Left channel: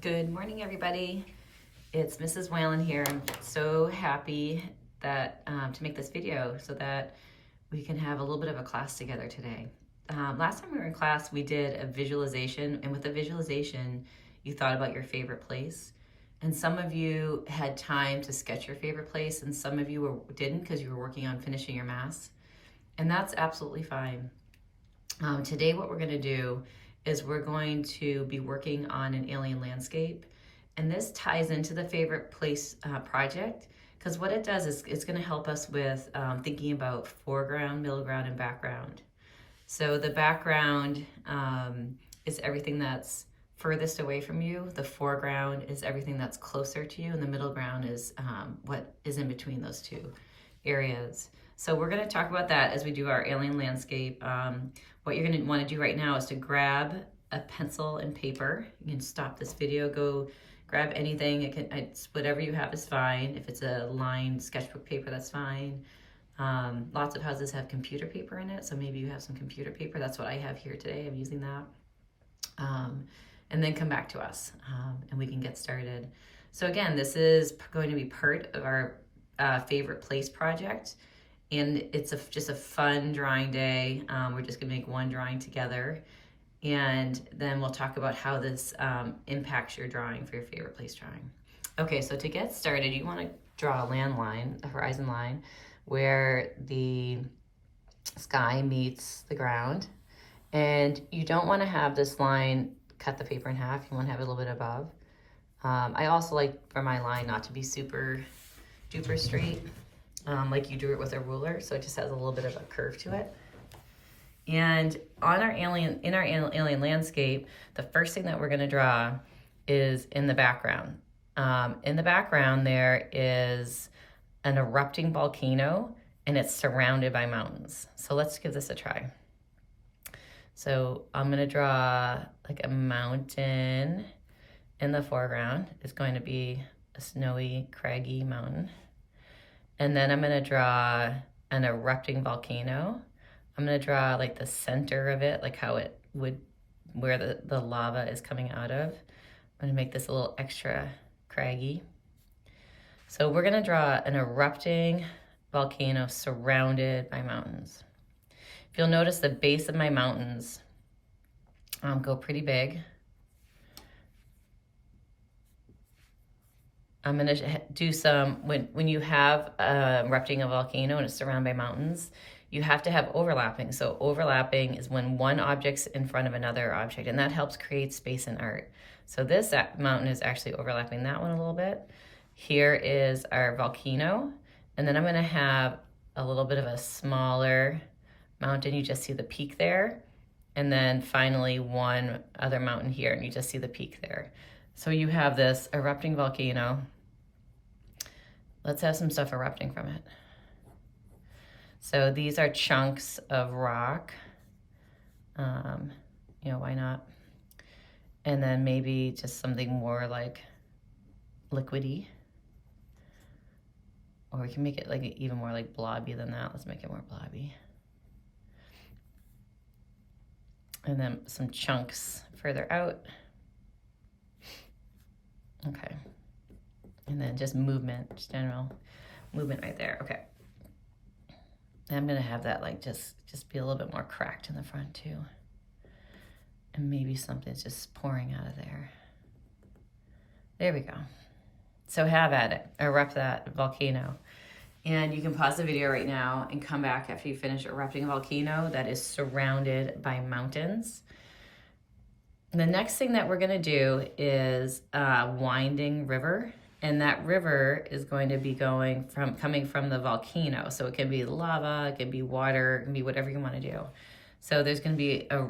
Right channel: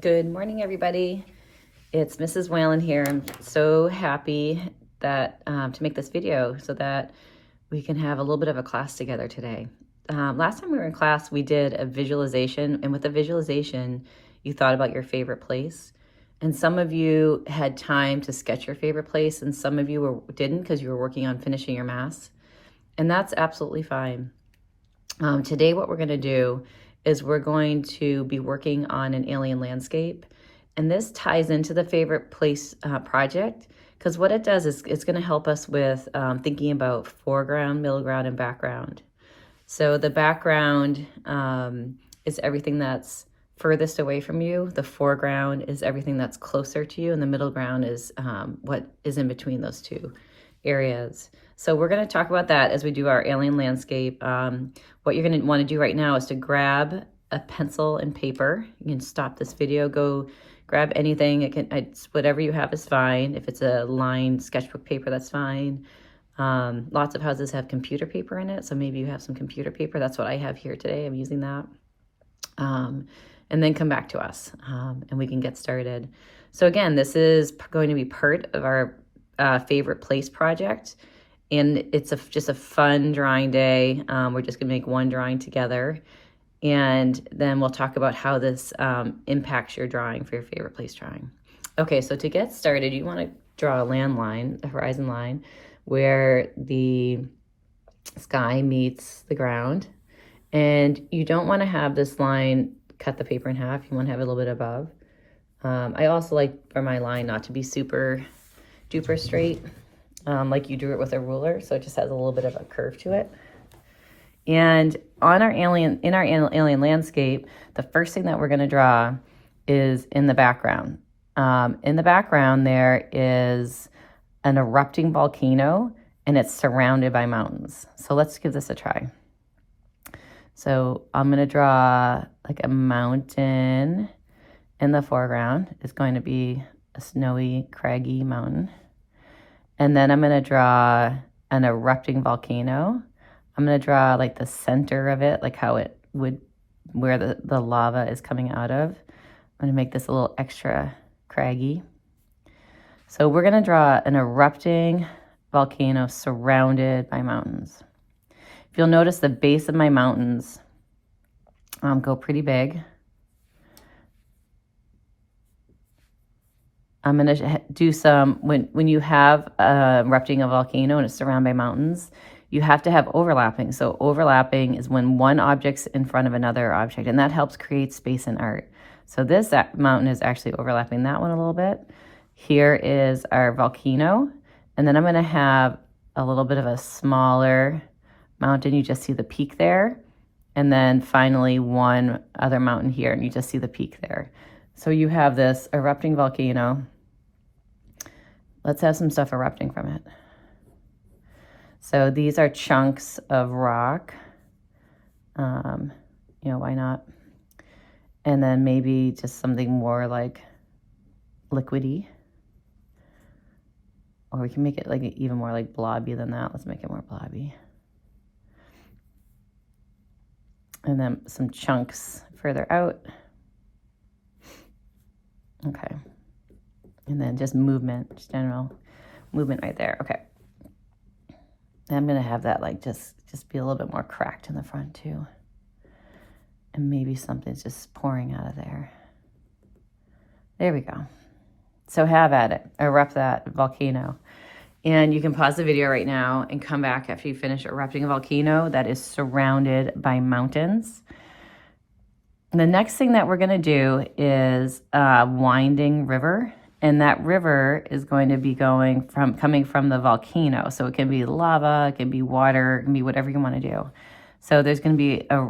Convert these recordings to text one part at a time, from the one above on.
Good morning, everybody. It's Mrs. Whalen here. I'm so happy that to make this video so that we can have a little bit of a class together today. Last time we were in class, we did a visualization, and with the visualization, you thought about your favorite place. And some of you had time to sketch your favorite place, and some of you didn't because you were working on finishing your mass. And that's absolutely fine. Today, what we're going to do is we're going to be working on an alien landscape. And this ties into the favorite place project, because what it does is it's going to help us with thinking about foreground, middle ground, and background. So the background is everything that's furthest away from you. The foreground is everything that's closer to you. And the middle ground is what is in between those two areas. So we're going to talk about that as we do our alien landscape. What you're going to want to do right now is to grab a pencil and paper. You can stop this video, go grab anything. It's whatever you have is fine. If it's a lined sketchbook paper, that's fine. Lots of houses have computer paper in it, so maybe you have some computer paper. That's what I have here today. I'm using that. And then come back to us, and we can get started. So again, this is going to be part of our favorite place project. And it's just a fun drawing day. We're just gonna make one drawing together. And then we'll talk about how this impacts your drawing for your favorite place drawing. Okay, so to get started, you wanna draw a land line, a horizon line, where the sky meets the ground. And you don't wanna have this line cut the paper in half. You wanna have it a little bit above. I also like for my line not to be super duper straight. Like you do it with a ruler, so it just has a little bit of a curve to it. And on our alien landscape, the first thing that we're going to draw is in the background. In the background, there is an erupting volcano, and it's surrounded by mountains. So let's give this a try. So I'm going to draw like a mountain in the foreground. It's going to be a snowy, craggy mountain. And then I'm going to draw an erupting volcano. I'm going to draw like the center of it, like how it would, where the lava is coming out of. I'm going to make this a little extra craggy. So we're going to draw an erupting volcano surrounded by mountains. If you'll notice, the base of my mountains go pretty big. I'm going to do some, when you have erupting a volcano and it's surrounded by mountains, you have to have overlapping. So overlapping is when one object's in front of another object, and that helps create space in art. So this mountain is actually overlapping that one a little bit. Here is our volcano, and then I'm going to have a little bit of a smaller mountain. You just see the peak there. And then finally one other mountain here, and you just see the peak there. So you have this erupting volcano. Let's have some stuff erupting from it. So these are chunks of rock. Why not? And then maybe just something more like liquidy. Or we can make it like even more like blobby than that. Let's make it more blobby. And then some chunks further out. Okay. And then just movement, just general movement right there. Okay. And I'm going to have that like just be a little bit more cracked in the front too. And maybe something's just pouring out of there. There we go. So have at it. Erupt that volcano. And you can pause the video right now and come back after you finish erupting a volcano that is surrounded by mountains. The next thing that we're going to do is a winding river, and that river is going to be coming from the volcano. So it can be lava, it can be water, it can be whatever you want to do. So there's going to be a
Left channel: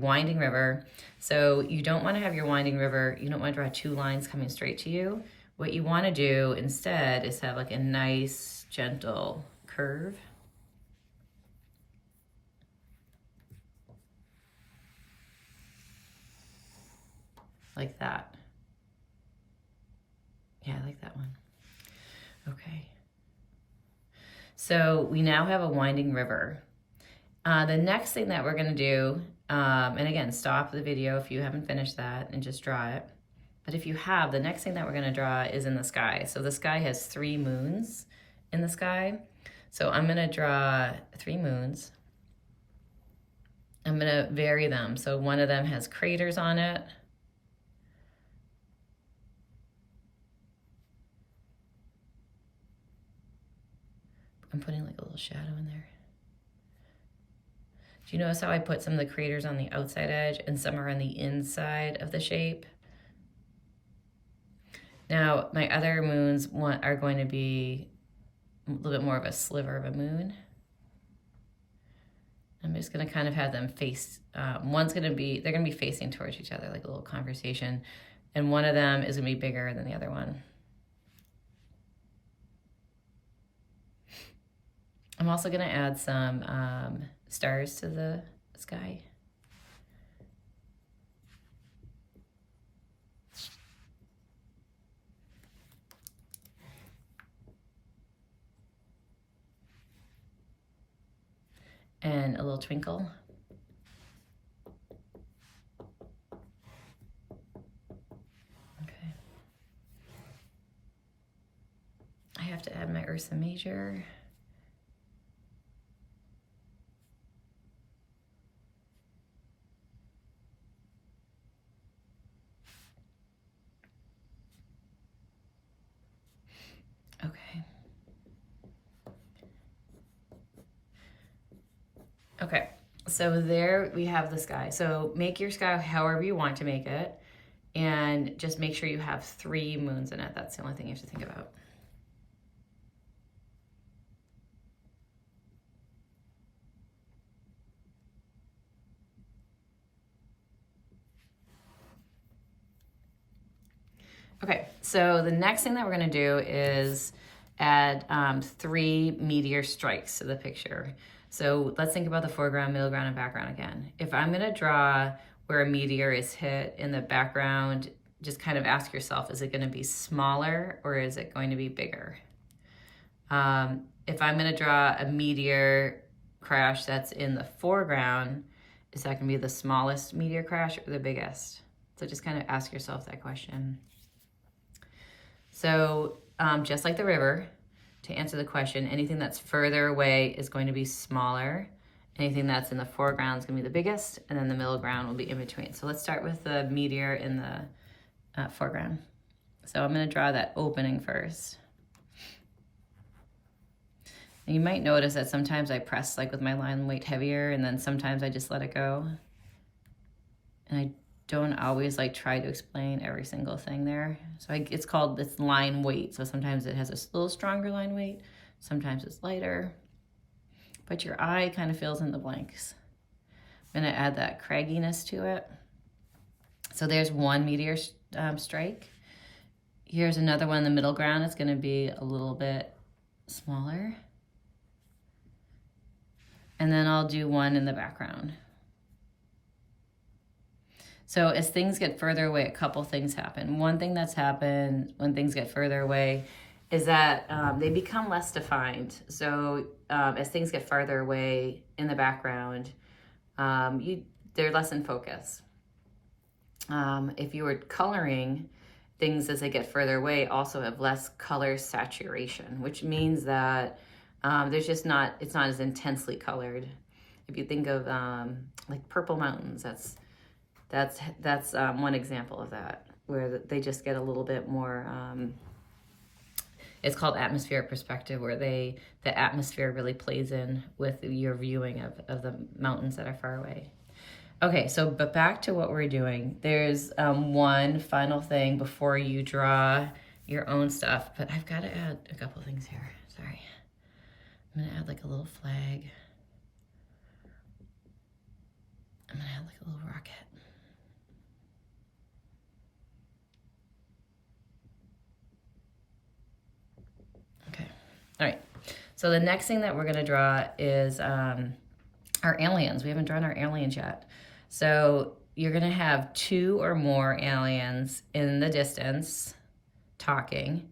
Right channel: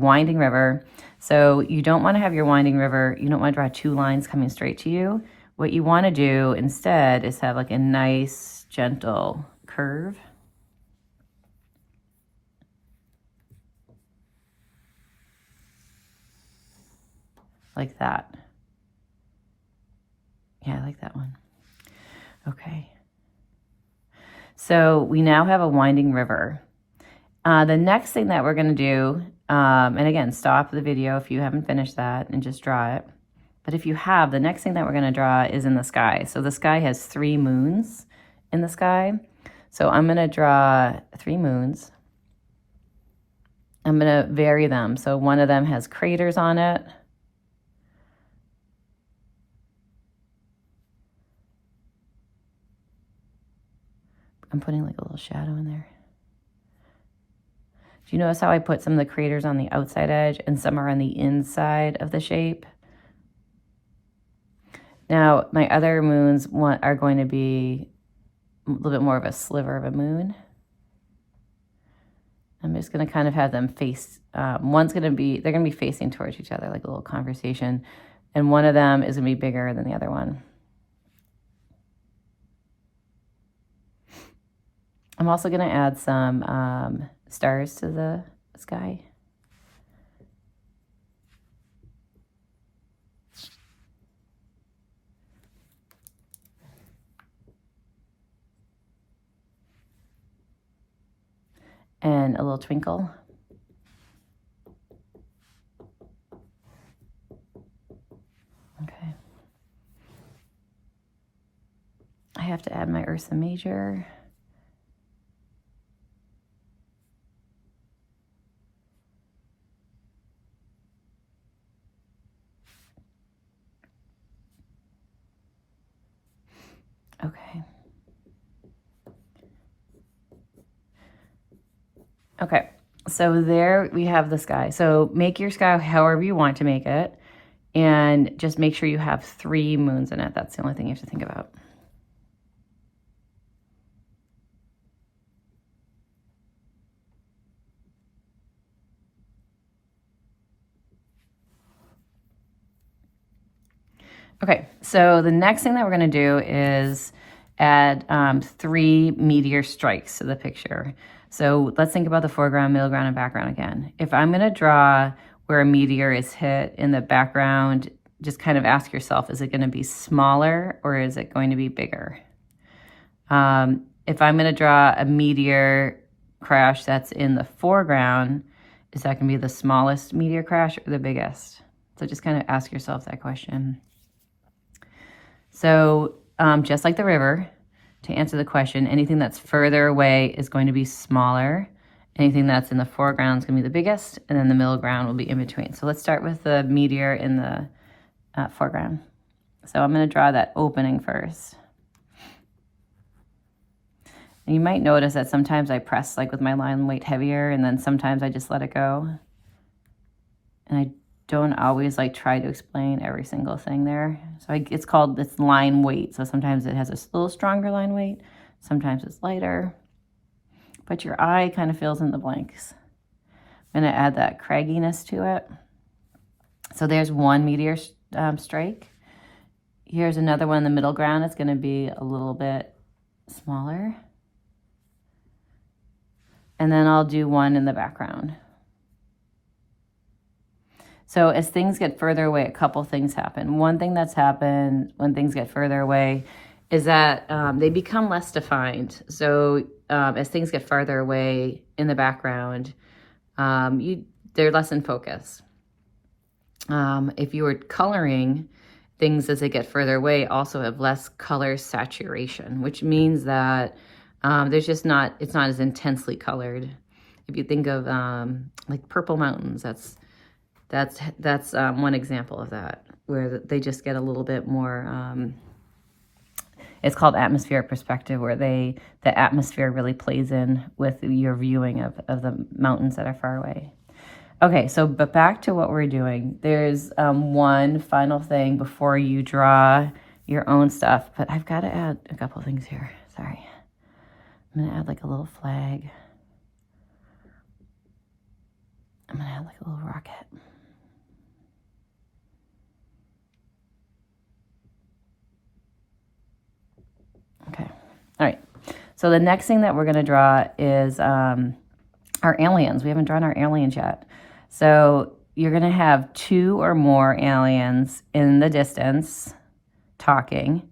winding river. So you don't want to have your winding river, you don't want to draw two lines coming straight to you. What you want to do instead is have like a nice, gentle curve. Like that. Yeah, I like that one. Okay. So we now have a winding river. The next thing that we're going to do And again, stop the video if you haven't finished that and just draw it. But if you have, the next thing that we're going to draw is in the sky. So the sky has 3 moons in the sky. So I'm going to draw 3 moons. I'm going to vary them. So one of them has craters on it. I'm putting like a little shadow in there. Do you notice how I put some of the craters on the outside edge and some are on the inside of the shape? Now, my other moons are going to be a little bit more of a sliver of a moon. I'm just going to kind of have them face, they're going to be facing towards each other, like a little conversation. And one of them is going to be bigger than the other one. I'm also going to add some stars to the sky. And a little twinkle. Okay. I have to add my Ursa Major. Okay. Okay, so there we have the sky. So make your sky however you want to make it, and just make sure you have 3 moons in it. That's the only thing you have to think about. Okay, so the next thing that we're going to do is add 3 meteor strikes to the picture. So let's think about the foreground, middle ground, and background again. If I'm going to draw where a meteor is hit in the background, just kind of ask yourself, is it going to be smaller or is it going to be bigger? If I'm going to draw a meteor crash that's in the foreground, is that going to be the smallest meteor crash or the biggest? So just kind of ask yourself that question. So just like the river, to answer the question, anything that's further away is going to be smaller. Anything that's in the foreground is going to be the biggest, and then the middle ground will be in between. So let's start with the meteor in the foreground. So I'm going to draw that opening first. And you might notice that sometimes I press like with my line weight heavier, and then sometimes I just let it go. And I don't always like try to explain every single thing there. So it's line weight. So sometimes it has a little stronger line weight. Sometimes it's lighter. But your eye kind of fills in the blanks. I'm going to add that cragginess to it. So there's 1 meteor strike. Here's another one in the middle ground. It's going to be a little bit smaller. And then I'll do 1 in the background. So as things get further away, a couple things happen. One thing that's happened when things get further away is that they become less defined. So as things get farther away in the background, they're less in focus. If you were coloring, things as they get further away also have less color saturation, which means that it's not as intensely colored. If you think of like purple mountains, that's one example of that, where they just get a little bit more, it's called atmospheric perspective, where the atmosphere really plays in with your viewing of the mountains that are far away. Okay, but back to what we're doing. There's one final thing before you draw your own stuff, but I've got to add a couple things here. Sorry. I'm going to add like a little flag. I'm going to add like a little rocket. Okay. All right. So the next thing that we're going to draw is our aliens. We haven't drawn our aliens yet. So you're going to have 2 or more aliens in the distance talking.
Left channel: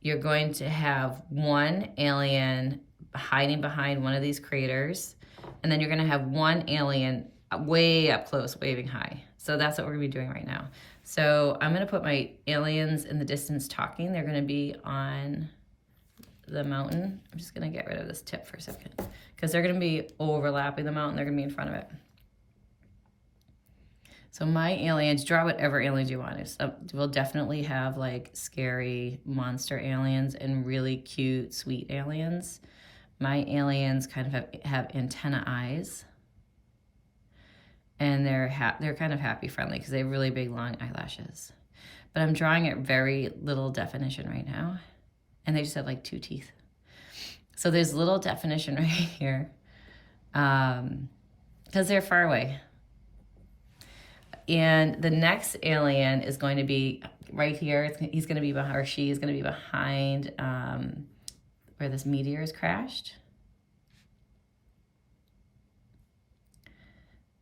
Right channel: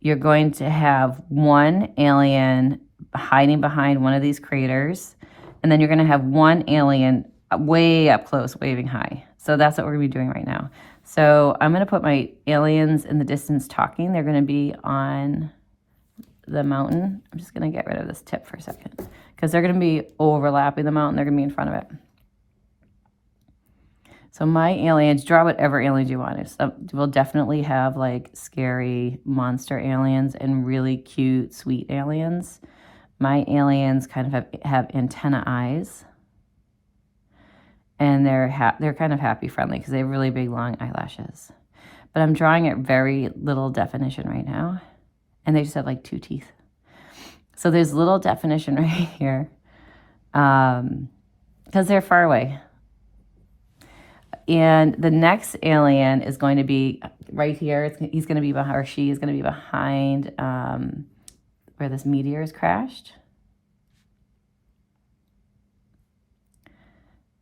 You're going to have 1 alien hiding behind one of these craters. And then you're going to have 1 alien way up close, waving high. So that's what we're gonna be doing right now. So I'm gonna put my aliens in the distance talking. They're gonna be on the mountain. I'm just gonna get rid of this tip for a second because they're gonna be overlapping the mountain. They're gonna be in front of it. So my aliens, draw whatever aliens you want. We'll definitely have like scary monster aliens and really cute, sweet aliens. My aliens kind of have antenna eyes. And they're kind of happy friendly because they have really big long eyelashes. But I'm drawing at very little definition right now. And they just have like 2 teeth. So there's little definition right here. Because they're far away. And the next alien is going to be right here. He's going to be behind, or she is going to be behind where this meteor has crashed.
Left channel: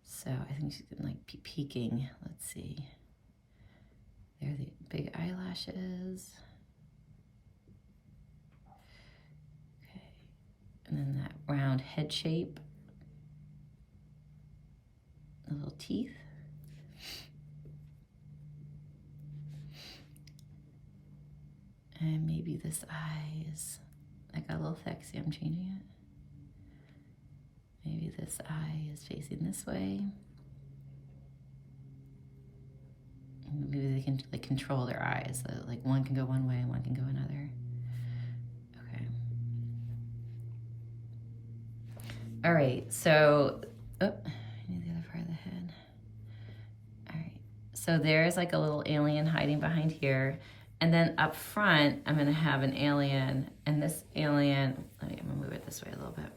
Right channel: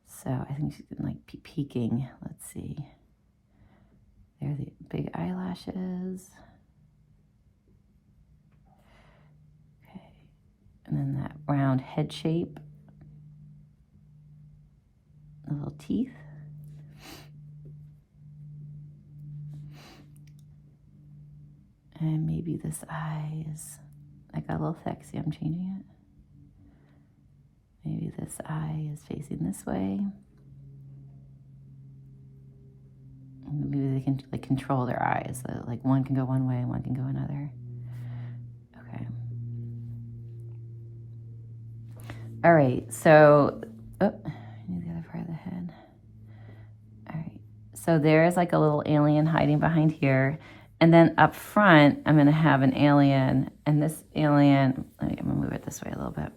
So I think she's like peeking. Let's see. There are the big eyelashes. Okay. And then that round head shape. The little teeth. And maybe this eye is, I got a little thick. See, I'm changing it. Maybe this eye is facing this way. And maybe they can like control their eyes. So like one can go one way and one can go another. Okay. All right, so, I need the other part of the head. All right, so there's like a little alien hiding behind here. And then up front, I'm gonna have an alien, and this alien, I'm gonna move it this way a little bit.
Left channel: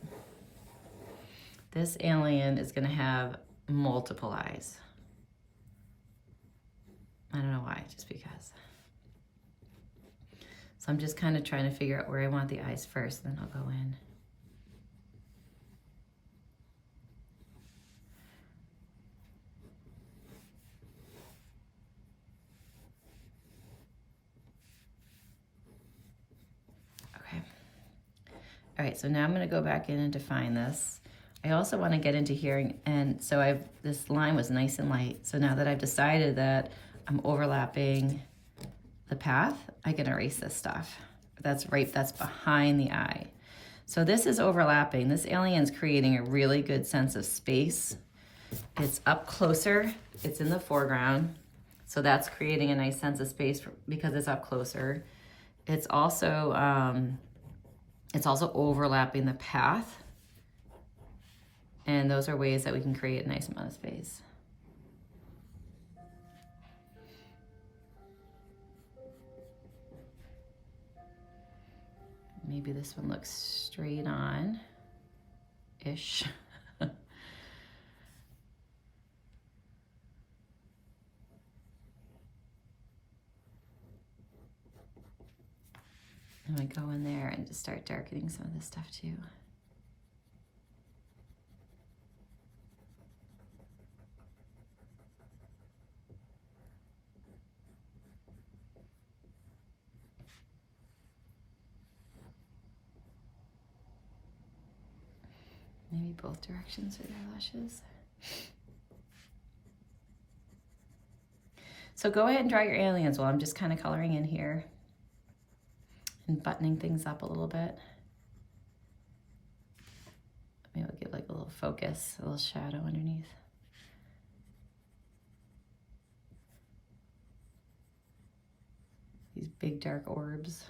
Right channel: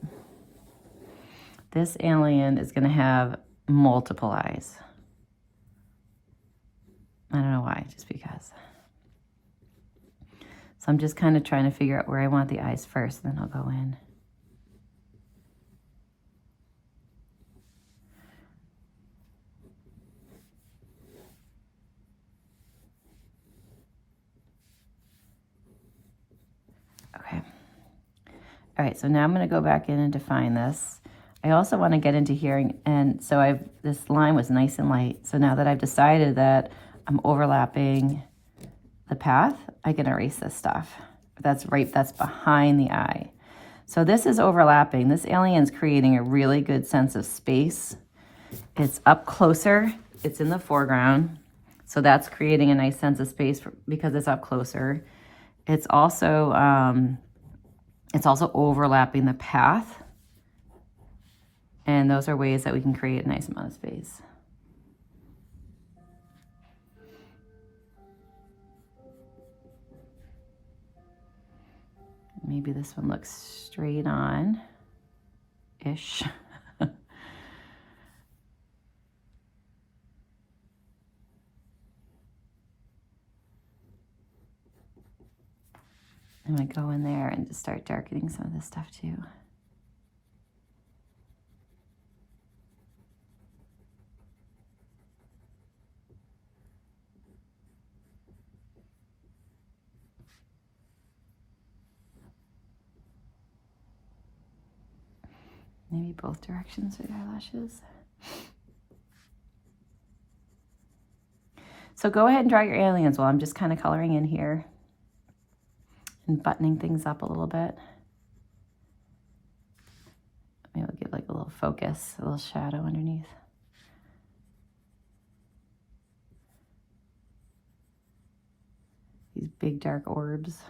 This alien is gonna have multiple eyes. I don't know why, just because. So I'm just kind of trying to figure out where I want the eyes first, then I'll go in. Okay. All right, so now I'm gonna go back in and define this. I also want to get into here, and so this line was nice and light. So now that I've decided that I'm overlapping the path, I can erase this stuff. That's behind the eye. So this is overlapping. This alien's creating a really good sense of space. It's up closer. It's in the foreground. So that's creating a nice sense of space because it's up closer. It's also overlapping the path. And those are ways that we can create a nice amount of space. Maybe this one looks straight on-ish. And I go in there and just start darkening some of this stuff too. Maybe both directions with eyelashes. So go ahead and draw your aliens while I'm just kind of coloring in here and buttoning things up a little bit. Maybe we'll give like a little focus, a little shadow underneath. These big dark orbs.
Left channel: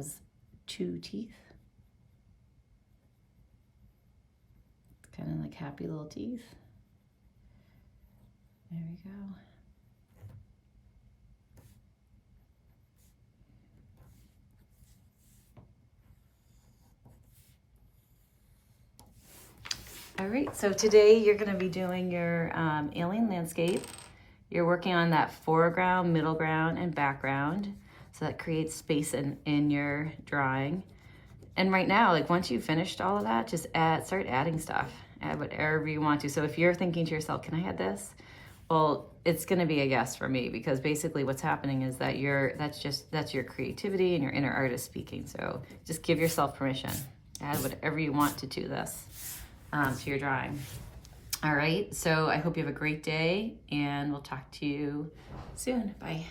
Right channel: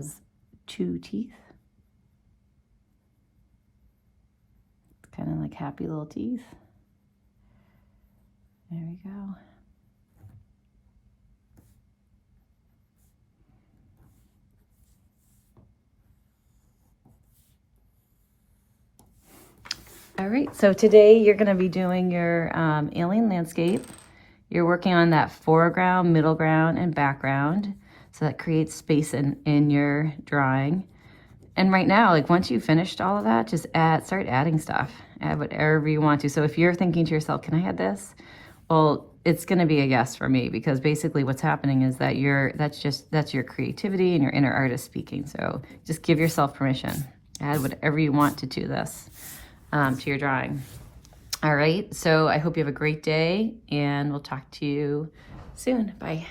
has 2 teeth. It's kind of like happy little teeth. There we go. All right, so today you're going to be doing your alien landscape. You're working on that foreground, middle ground, and background. So that creates space in your drawing. And right now, like once you've finished all of that, just start adding stuff. Add whatever you want to. So if you're thinking to yourself, can I add this? Well, it's going to be a yes for me, because basically what's happening is that that's your creativity and your inner artist speaking. So just give yourself permission. Add whatever you want to this, to your drawing. All right, so I hope you have a great day, and we'll talk to you soon. Bye.